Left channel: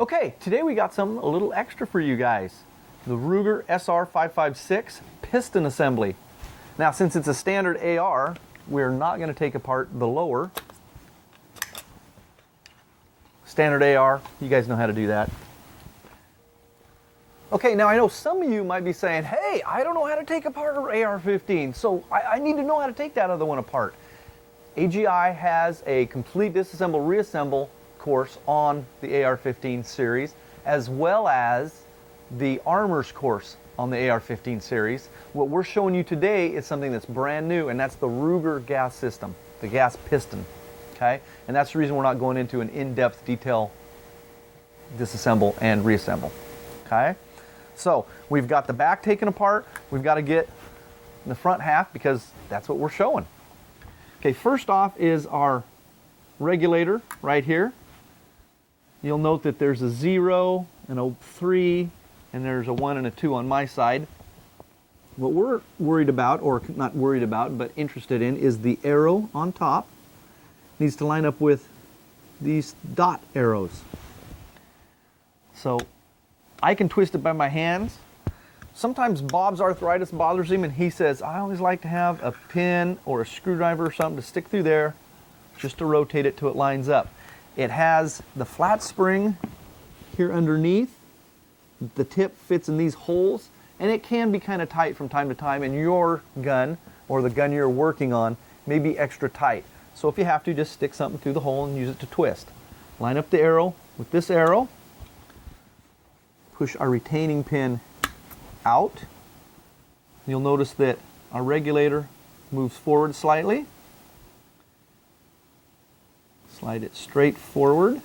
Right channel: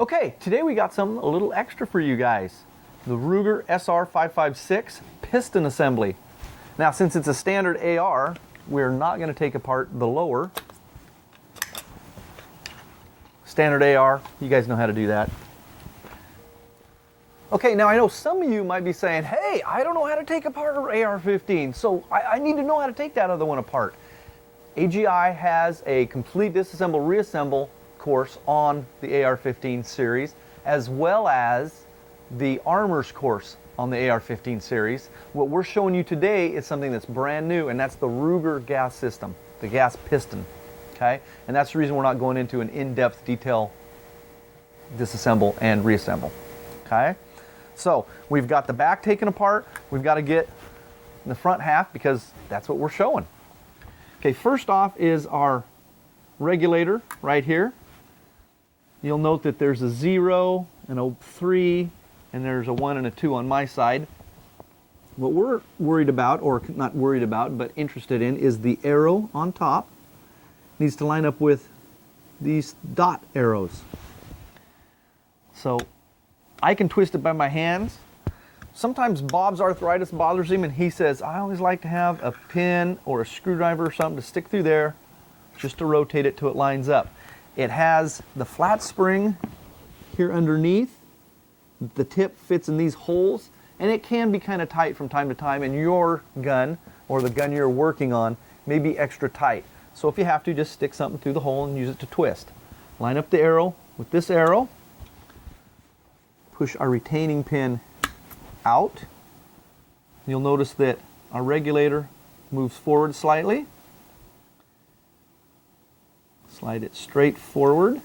Okay, today we got something a little extra for you guys. The Ruger SR-556 piston assembly. Now, since it's a standard AR, we're not going to take apart the lower. Standard AR, you guys know how to do that. Okay, now I know some of you might be saying, hey, I don't know how to take apart an AR-15, so I need to know how to take that other one apart. AGI has a complete disassemble reassemble course on the AR-15 series, as well as the armors course on the AR-15 series. What we're showing you today is something that's brand new, and that's the Ruger gas system, the gas piston. Okay, and that's the reason we're not going into an in-depth detail disassemble and reassemble. Okay, so we've got the back taken apart. We've got to get the front half because that's what we're showing. Okay, first off is our regulator right here. You'll note that there's a 0, an 03, and there's a 1 and a 2 on my side. What we're worried about, or not worried about, but interested in, is the arrow on top. Needs to line up with these dot arrows. So I can twist it by my hands. Sometimes Bob's arthritis bothers him, and he says, I always like to have a pin or a screwdriver or something to stick through there just to rotate it till it lines up. It has the flat spring here underneath. The tip fits in these holes, and it can be kind of tight from time to time, and your gun or the gun you're working on may be extra tight. So if you have to, just stick something through the hole and use it to twist. Line up the arrow with this arrow. Push our retaining pin out. You'll notice that our regulator moves forward slightly. Slide it straight forward.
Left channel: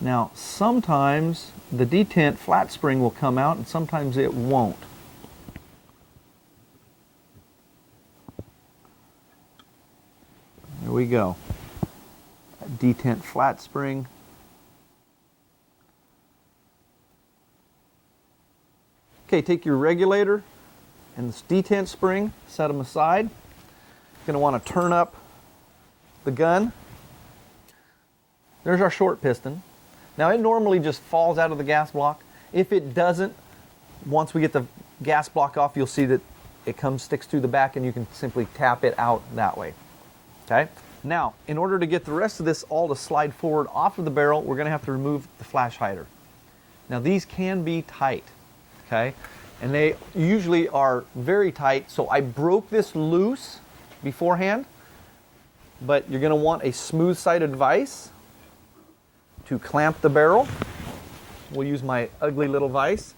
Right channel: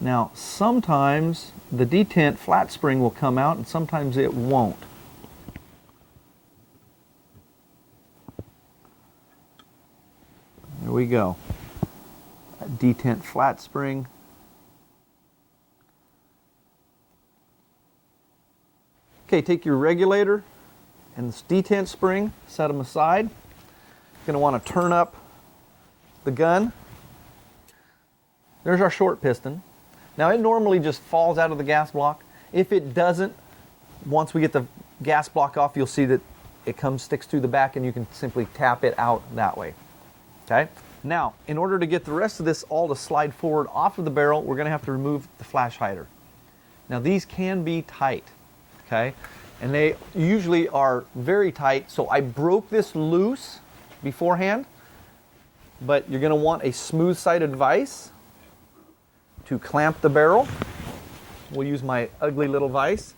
Now, sometimes the detent flat spring will come out and sometimes it won't. There we go. Detent flat spring. Okay, take your regulator and this detent spring, set them aside. You're going to want to turn up the gun. There's our short piston. Now it normally just falls out of the gas block. If it doesn't, once we get the gas block off, you'll see that it sticks through the back and you can simply tap it out that way. Okay? Now, in order to get the rest of this all to slide forward off of the barrel, we're going to have to remove the flash hider. Now these can be tight. Okay? And they usually are very tight, so I broke this loose beforehand, but you're going to want a smooth-sided vise to clamp the barrel. We'll use my ugly little vise.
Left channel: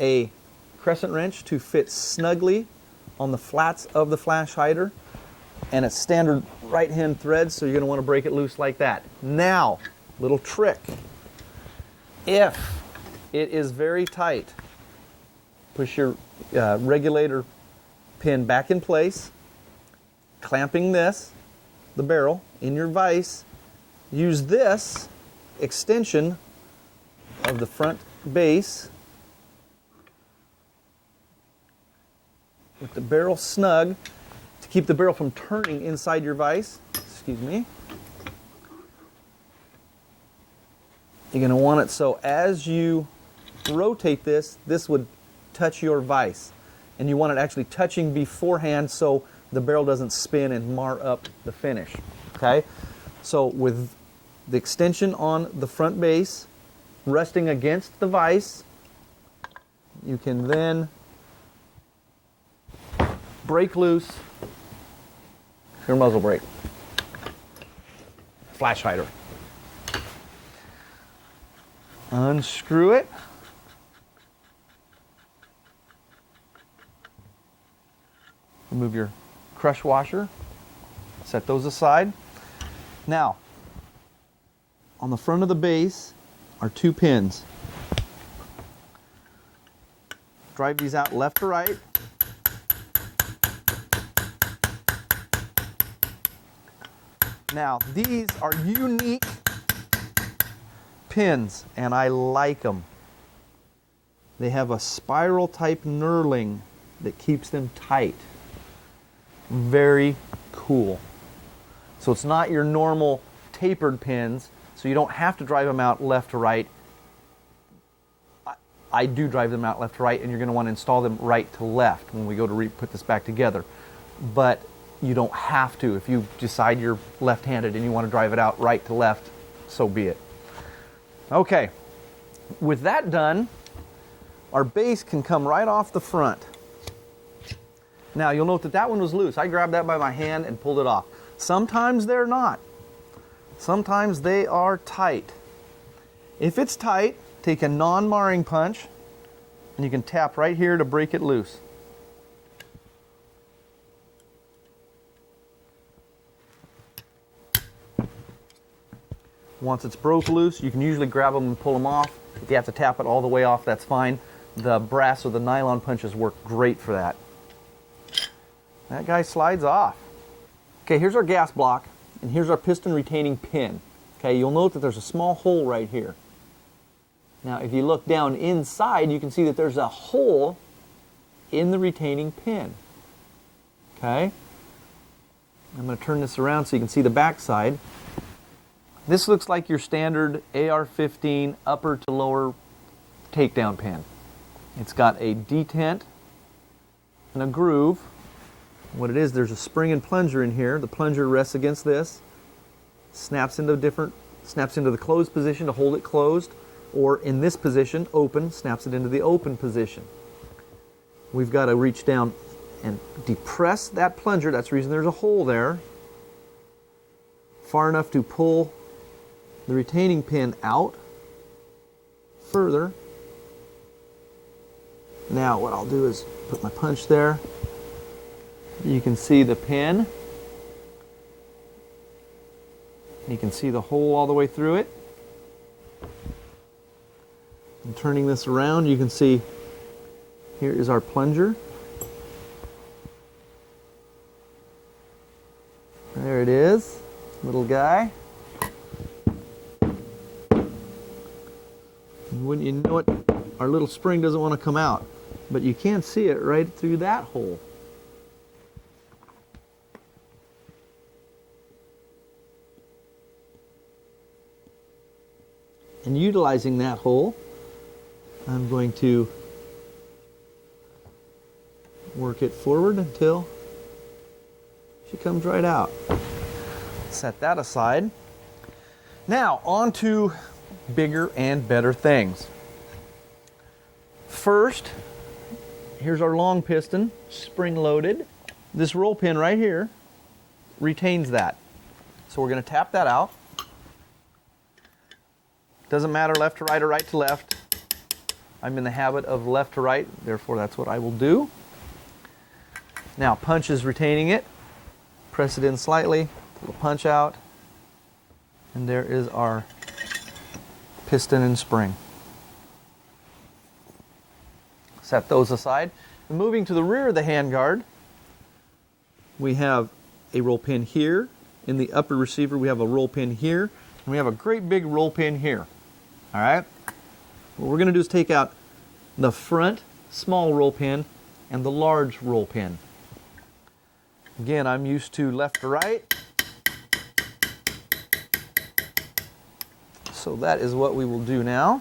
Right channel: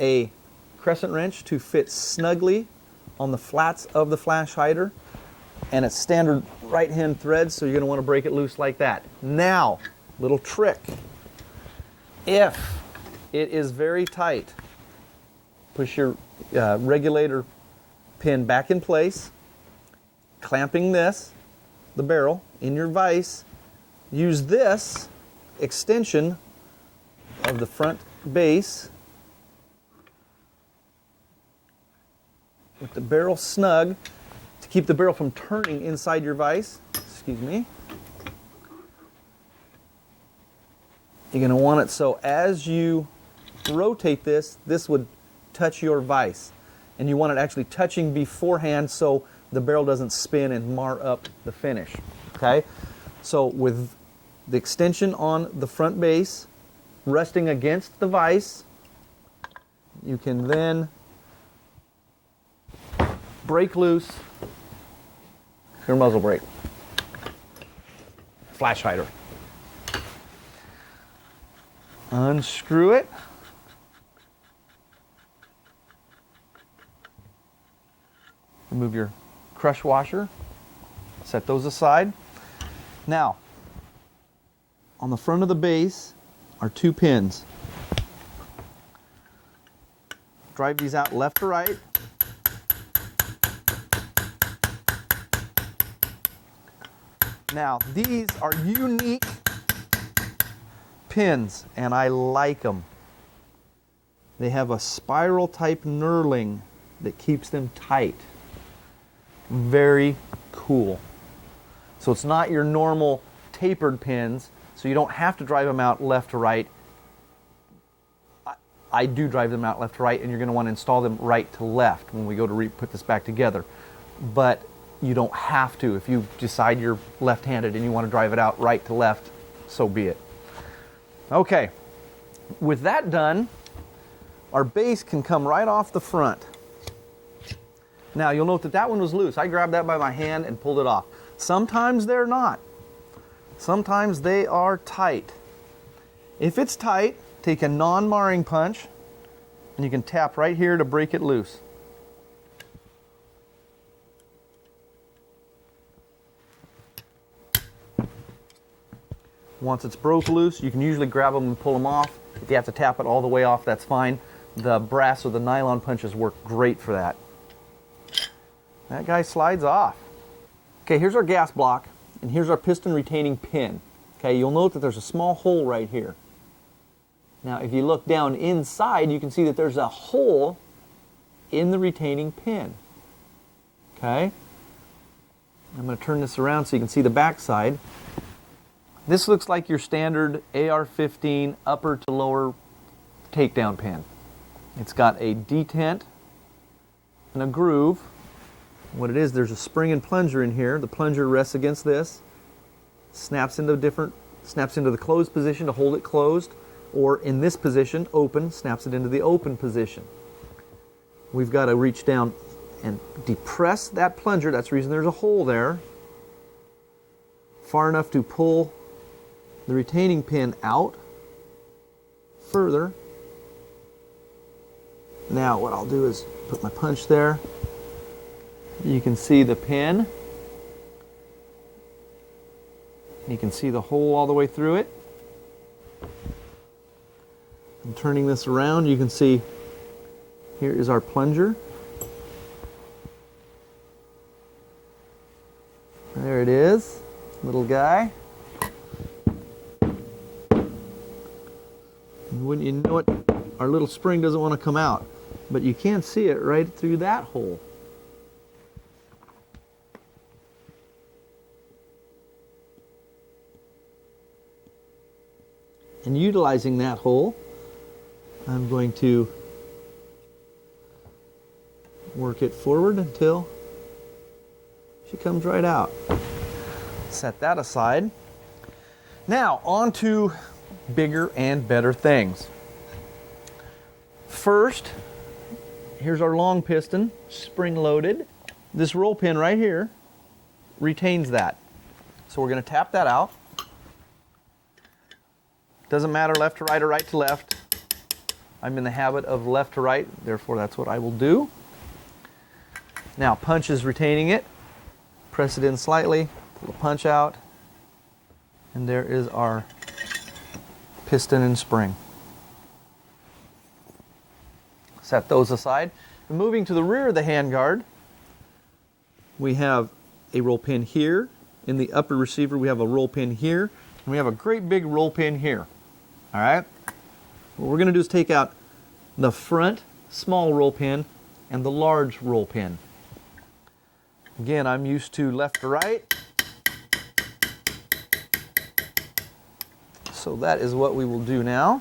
A crescent wrench to fit snugly on the flats of the flash hider, and a standard right-hand thread, so you're going to want to break it loose like that. Now, little trick. If it is very tight, push your regulator pin back in place, clamping the barrel, in your vise. Use this extension of the front base with the barrel snug to keep the barrel from turning inside your vise. Excuse me. You're going to want it so as you rotate this would touch your vise. And you want it actually touching beforehand so the barrel doesn't spin and mar up the finish. Okay? So with the extension on the front base resting against the vise, you can then break loose your muzzle brake. Flash hider. Unscrew it. Remove your crush washer. Set those aside. Now, on the front of the base are 2 pins. Drive these out left to right. Now, these are unique pins, and I like them. They have a spiral type knurling that keeps them tight. Very cool. So it's not your normal tapered pins. so you don't have to drive them out left to right. I do drive them out left to right, and you're going to want to install them right to left when we go to put this back together. But you don't have to. If you decide you're left-handed and you want to drive it out right to left, so be it. Okay, with that done, our base can come right off the front. Now you'll note that that one was loose. I grabbed that by my hand and pulled it off. Sometimes they're not. Sometimes they are tight. If it's tight, take a non-marring punch and you can tap right here to break it loose. Once it's broke loose, you can usually grab them and pull them off. If you have to tap it all the way off, that's fine. The brass or the nylon punches work great for that. That guy slides off. Okay, here's our gas block, and here's our piston retaining pin. Okay, you'll note that there's a small hole right here. Now, if you look down inside, you can see that there's a hole in the retaining pin. Okay? I'm going to turn this around so you can see the back side. This looks like your standard AR-15 upper to lower takedown pin. It's got a detent and a groove. What it is, there's a spring and plunger in here. The plunger rests against this, snaps into the closed position to hold it closed, or in this position, open, snaps it into the open position. We've got to reach down and depress that plunger. That's the reason there's a hole there, far enough to pull the retaining pin out further. Now what I'll do is put my punch there. You can see the pin. You can see the hole all the way through it. And turning this around, you can see here is our plunger. There it is, little guy. Wouldn't you know it, our little spring doesn't want to come out, but you can see it right through that hole. And utilizing that hole, I'm going to work it forward until she comes right out. Set that aside. Now, on to bigger and better things. First, here's our long piston, spring loaded. This roll pin right here retains that. So we're going to tap that out. Doesn't matter left to right or right to left. I'm in the habit of left to right, therefore that's what I will do. Now, punch is retaining it. Press it in slightly, pull the punch out, and there is our piston and spring. Set those aside. And moving to the rear of the handguard, we have a roll pin here. In the upper receiver, we have a roll pin here, and we have a great big roll pin here. All right? What we're going to do is take out the front small roll pin and the large roll pin. Again, I'm used to left to right. So that is what we will do now.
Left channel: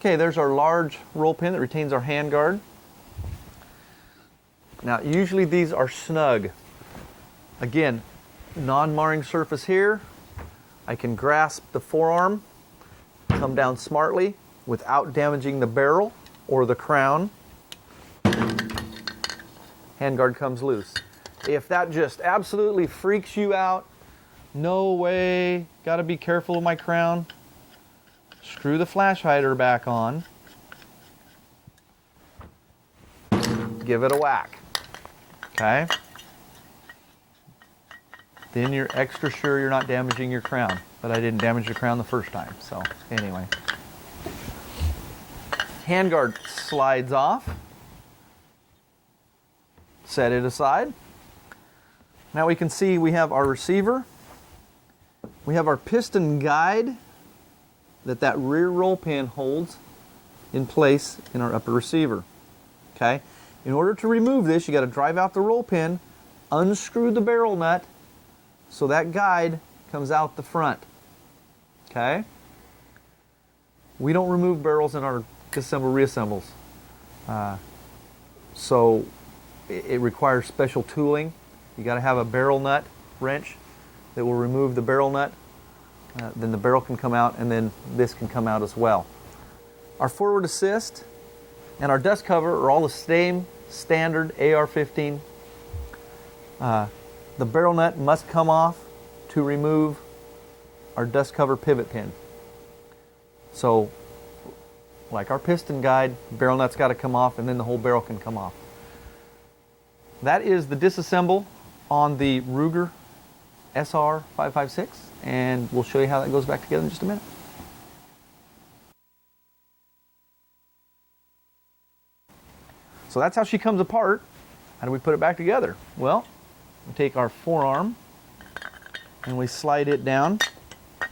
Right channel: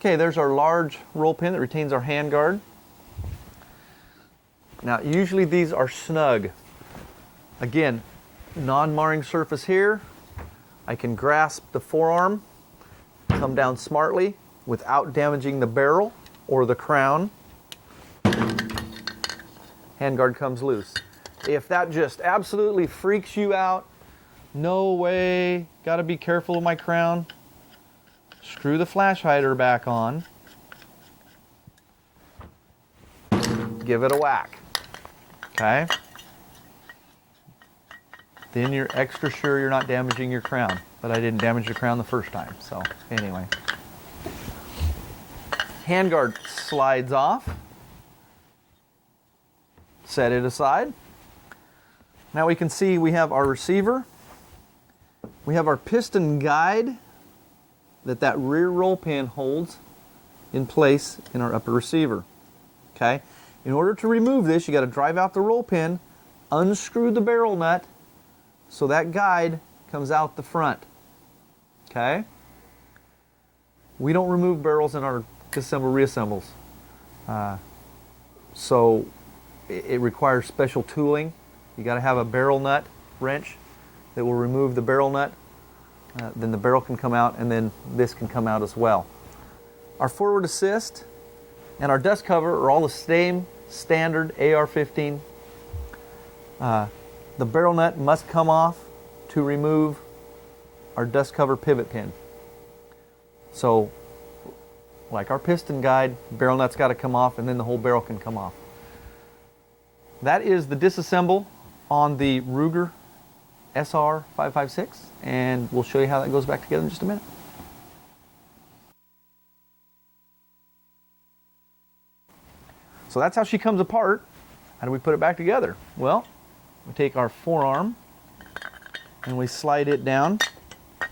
Okay, there's our large roll pin that retains our handguard. Now, usually these are snug. Again, non-marring surface here. I can grasp the forearm, come down smartly without damaging the barrel or the crown. Handguard comes loose. If that just absolutely freaks you out, no way, gotta be careful with my crown. Screw the flash hider back on. Give it a whack. Okay? Then you're extra sure you're not damaging your crown. But I didn't damage the crown the first time. So, anyway. Handguard slides off. Set it aside. Now we can see we have our receiver. We have our piston guide that rear roll pin holds in place in our upper receiver. Okay? In order to remove this, you got to drive out the roll pin, unscrew the barrel nut so that guide comes out the front. Okay? We don't remove barrels in our disassemble reassembles. So it requires special tooling. You got to have a barrel nut wrench that will remove the barrel nut. Then the barrel can come out, and then this can come out as well. Our forward assist and our dust cover are all the same standard AR-15. The barrel nut must come off to remove our dust cover pivot pin. So, like our piston guide, barrel nut's got to come off, and then the whole barrel can come off. That is the disassemble on the Ruger SR-556, and we'll show you how that goes back together in just a minute. So that's how she comes apart. How do we put it back together? Well, we take our forearm and we slide it down.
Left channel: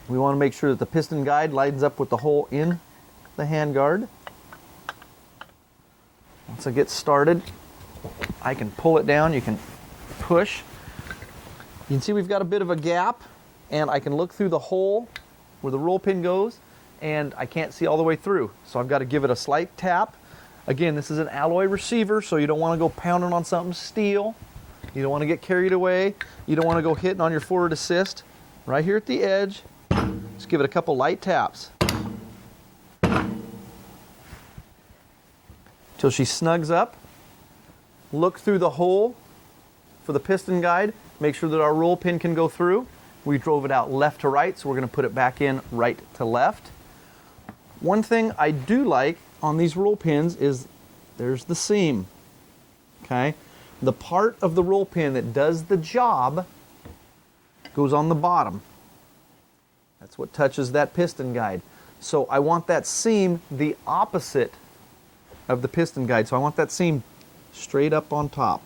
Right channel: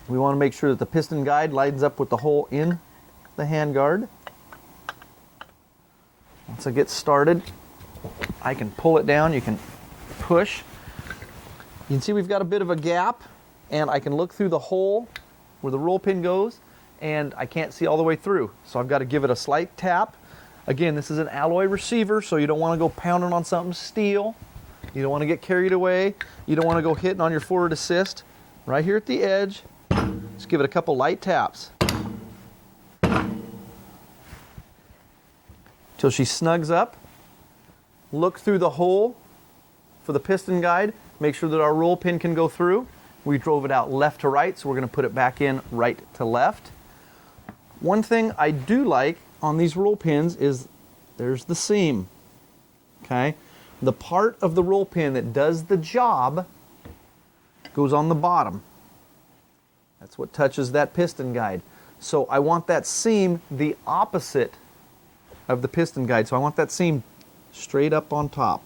We want to make sure that the piston guide lines up with the hole in the handguard. Once I get started, I can pull it down. You can push. You can see we've got a bit of a gap, and I can look through the hole where the roll pin goes, and I can't see all the way through. So I've got to give it a slight tap. Again, this is an alloy receiver, so you don't want to go pounding on something steel. You don't want to get carried away. You don't want to go hitting on your forward assist. Right here at the edge, just give it a couple light taps till she snugs up. Look through the hole for the piston guide. Make sure that our roll pin can go through. We drove it out left to right, so we're going to put it back in right to left. One thing I do like on these roll pins is there's the seam. Okay? The part of the roll pin that does the job goes on the bottom. That's what touches that piston guide. So I want that seam the opposite of the piston guide. So I want that seam straight up on top.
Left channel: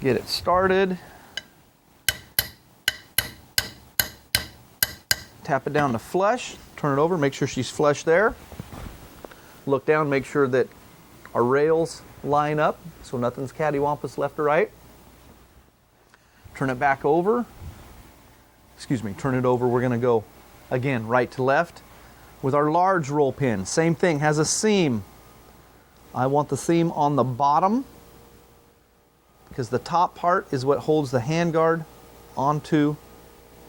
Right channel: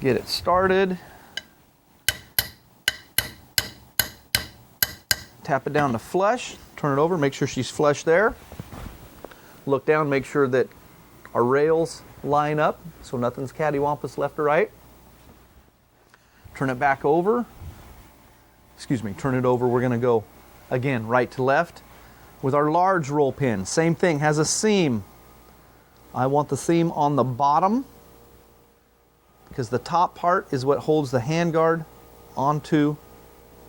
Get it started. Tap it down to flush. Turn it over, make sure she's flush there. Look down, make sure that our rails line up so nothing's cattywampus left or right. Turn it back over. Turn it over. We're going to go again right to left with our large roll pin. Same thing, has a seam. I want the seam on the bottom because the top part is what holds the handguard onto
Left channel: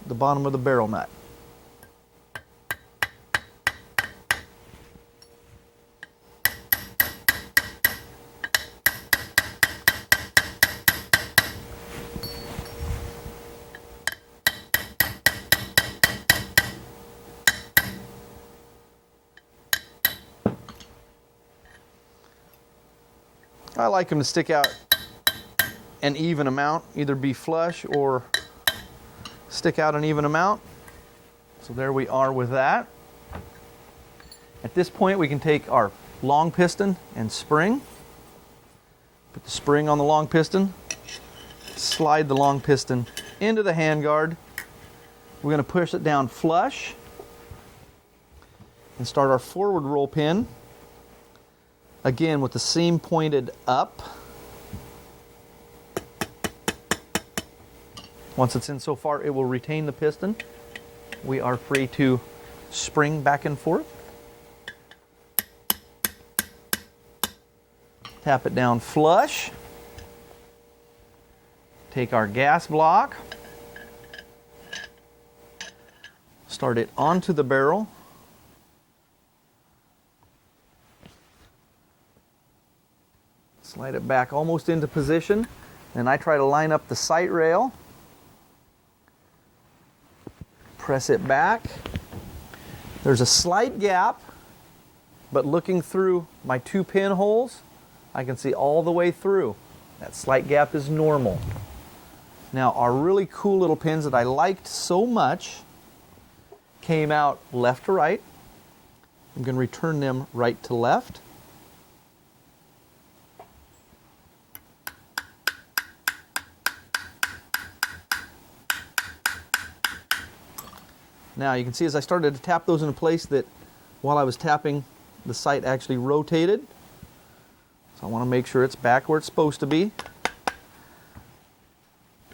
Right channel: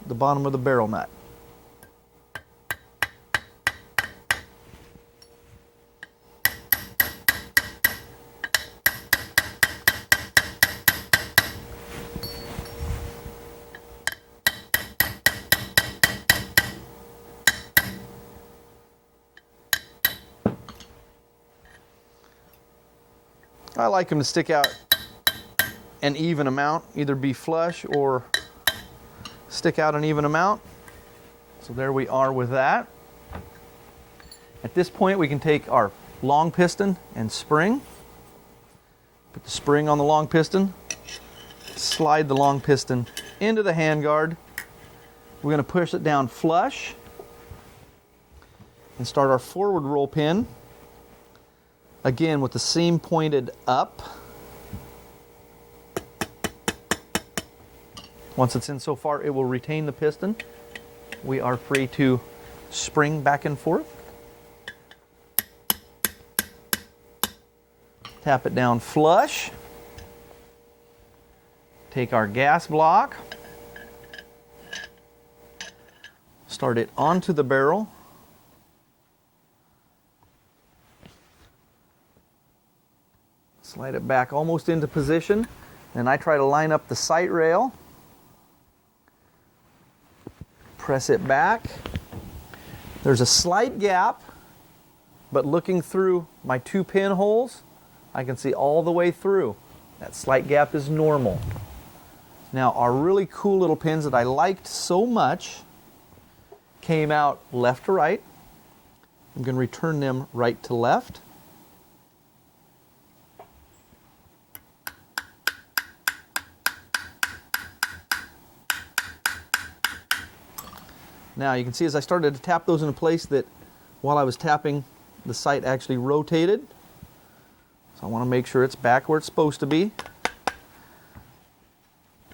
the bottom of the barrel nut. I like them to stick out an even amount, either be flush or stick out an even amount. So there we are with that. At this point we can take our long piston and spring, put the spring on the long piston, slide the long piston into the handguard. We're going to push it down flush and start our forward roll pin. Again, with the seam pointed up. Once it's in so far, it will retain the piston. We are free to spring back and forth. Tap it down flush. Take our gas block. Start it onto the barrel. Slide it back almost into position. And I try to line up the sight rail. Press it back. There's a slight gap, but looking through my 2 pinholes, I can see all the way through. That slight gap is normal. Now, our really cool little pins that I liked so much came out left to right. I'm going to return them right to left. Now you can see as I started to tap those into place that while I was tapping, the sight actually rotated. So I want to make sure it's back where it's supposed to be.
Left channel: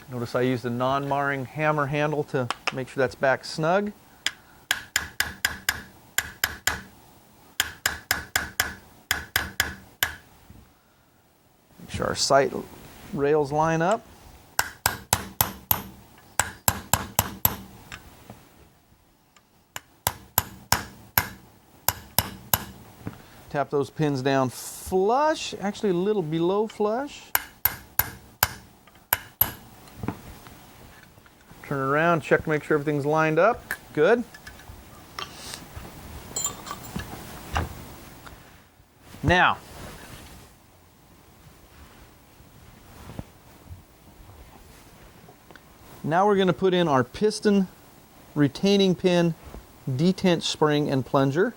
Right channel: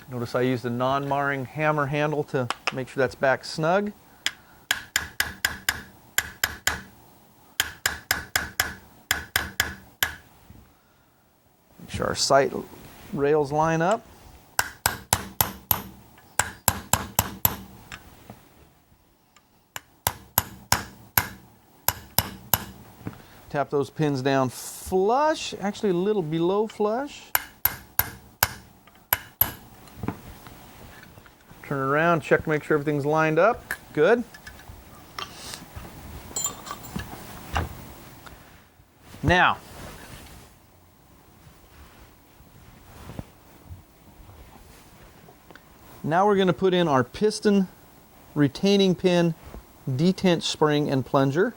Notice I used a non-marring hammer handle to make sure that's back snug. Make sure our sight rails line up. Tap those pins down flush, actually a little below flush. Turn it around, check to make sure everything's lined up. Good. Now, we're going to put in our piston retaining pin, detent spring, and plunger.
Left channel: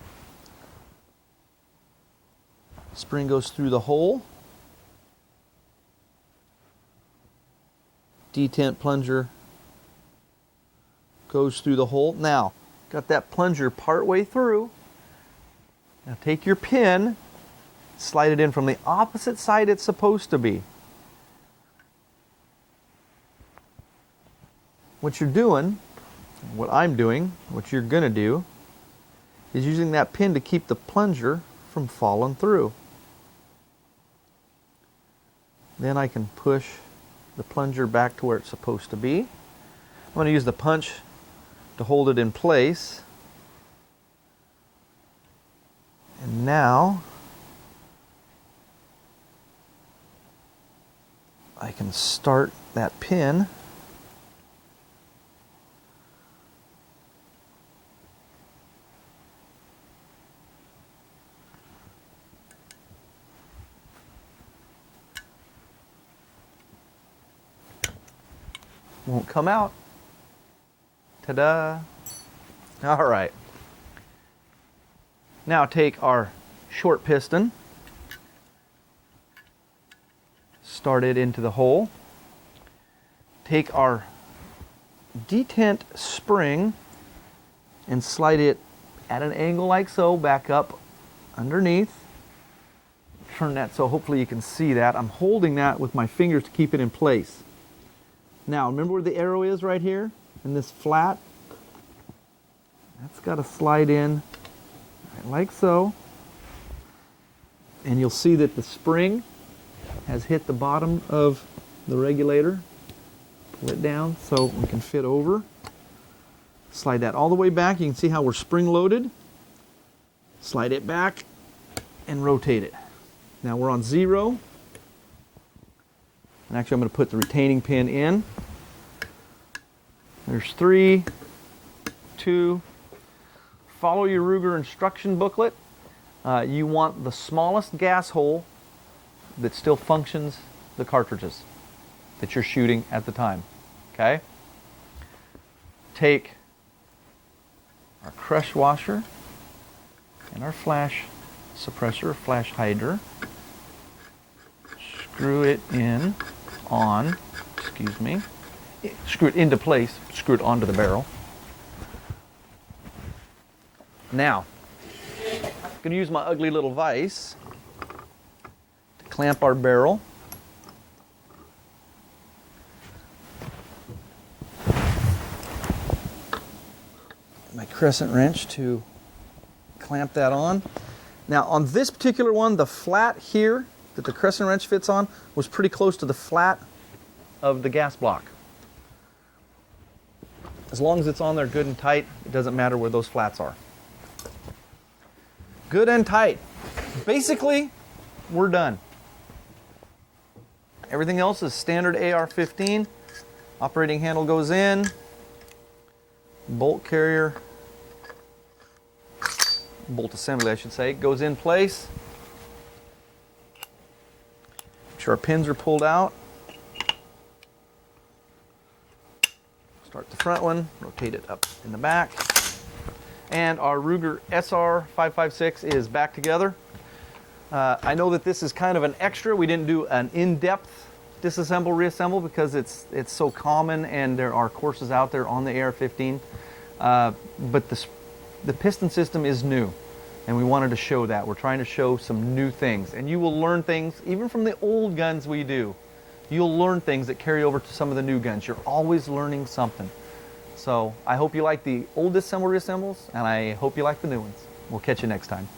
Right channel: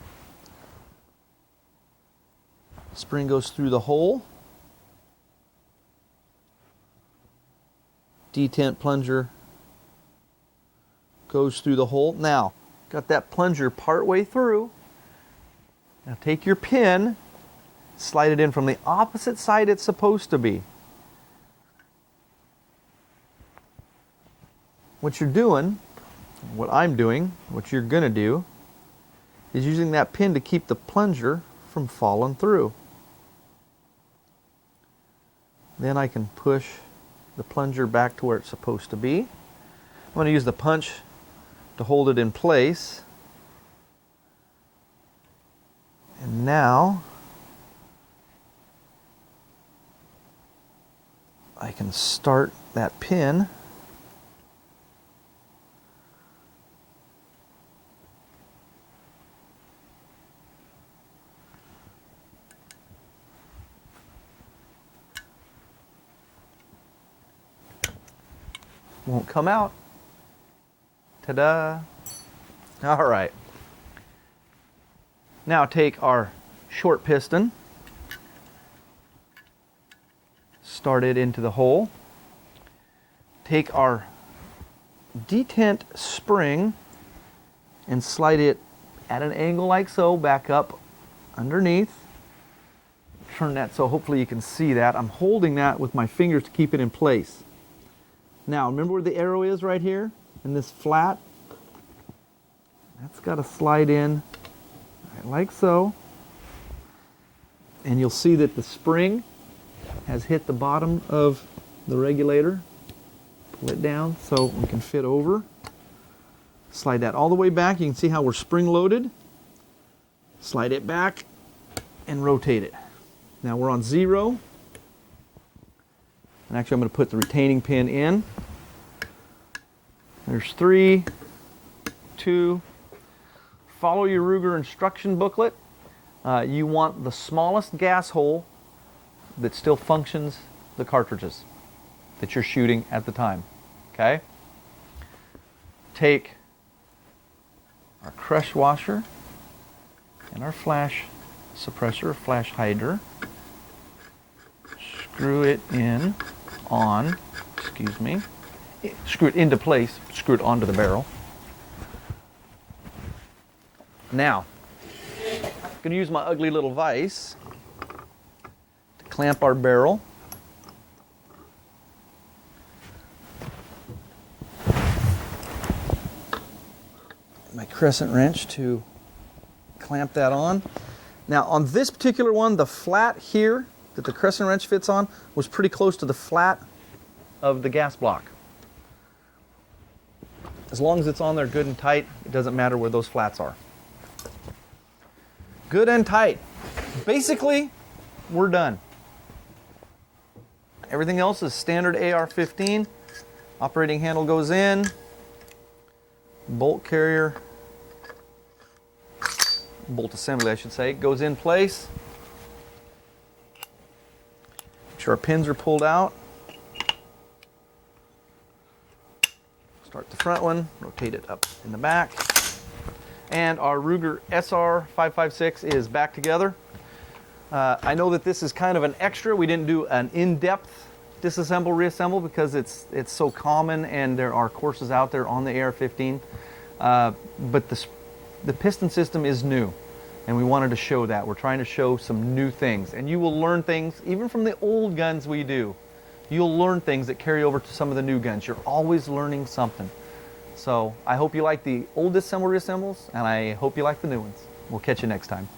Spring goes through the hole. Detent plunger goes through the hole. Now, got that plunger part way through. Now take your pin, slide it in from the opposite side it's supposed to be. What you're doing, what I'm doing, what you're going to do, is using that pin to keep the plunger from falling through. Then I can push the plunger back to where it's supposed to be. I'm going to use the punch to hold it in place. And now I can start that pin . Won't come out. Ta-da! All right. Now take our short piston, start it into the hole. Take our detent spring and slide it at an angle like so, back up underneath. Turn that so hopefully you can see that. I'm holding that with my fingers to keep it in place. Now, remember where the arrow is right here? In this flat? That's got to slide in right like so. And you'll see that the spring has hit the bottom of the regulator. Pull it down so we can fit over. Slide that all the way back. You can see how we're spring loaded. Slide it back and rotate it. Now we're on 0. And actually I'm going to put the retaining pin in. There's 3, 2. Follow your Ruger instruction booklet. You want the smallest gas hole that still functions the cartridges that you're shooting at the time. Okay? Take our crush washer and our flash suppressor, flash hider. Screw it in on, screw it into place, screw it onto the barrel. Now, I'm going to use my ugly little vise to clamp our barrel. My crescent wrench to clamp that on. Now, on this particular one, the flat here that the crescent wrench fits on was pretty close to the flat of the gas block. As long as it's on there good and tight, it doesn't matter where those flats are. Good and tight. Basically, we're done. Everything else is standard AR-15. Operating handle goes in. Bolt carrier, bolt assembly I should say, goes in place. Make sure our pins are pulled out. Start the front one, rotate it up in the back. And our Ruger SR-556 is back together. I know that this is kind of an extra. We didn't do an in-depth disassemble, reassemble because it's so common and there are courses out there on the AR-15. but the piston system is new, and we wanted to show that. We're trying to show some new things, and you will learn things even from the old guns we do. You'll learn things that carry over to some of the new guns. You're always learning something. So I hope you like the old disassemble reassembles, and I hope you like the new ones. We'll catch you next time.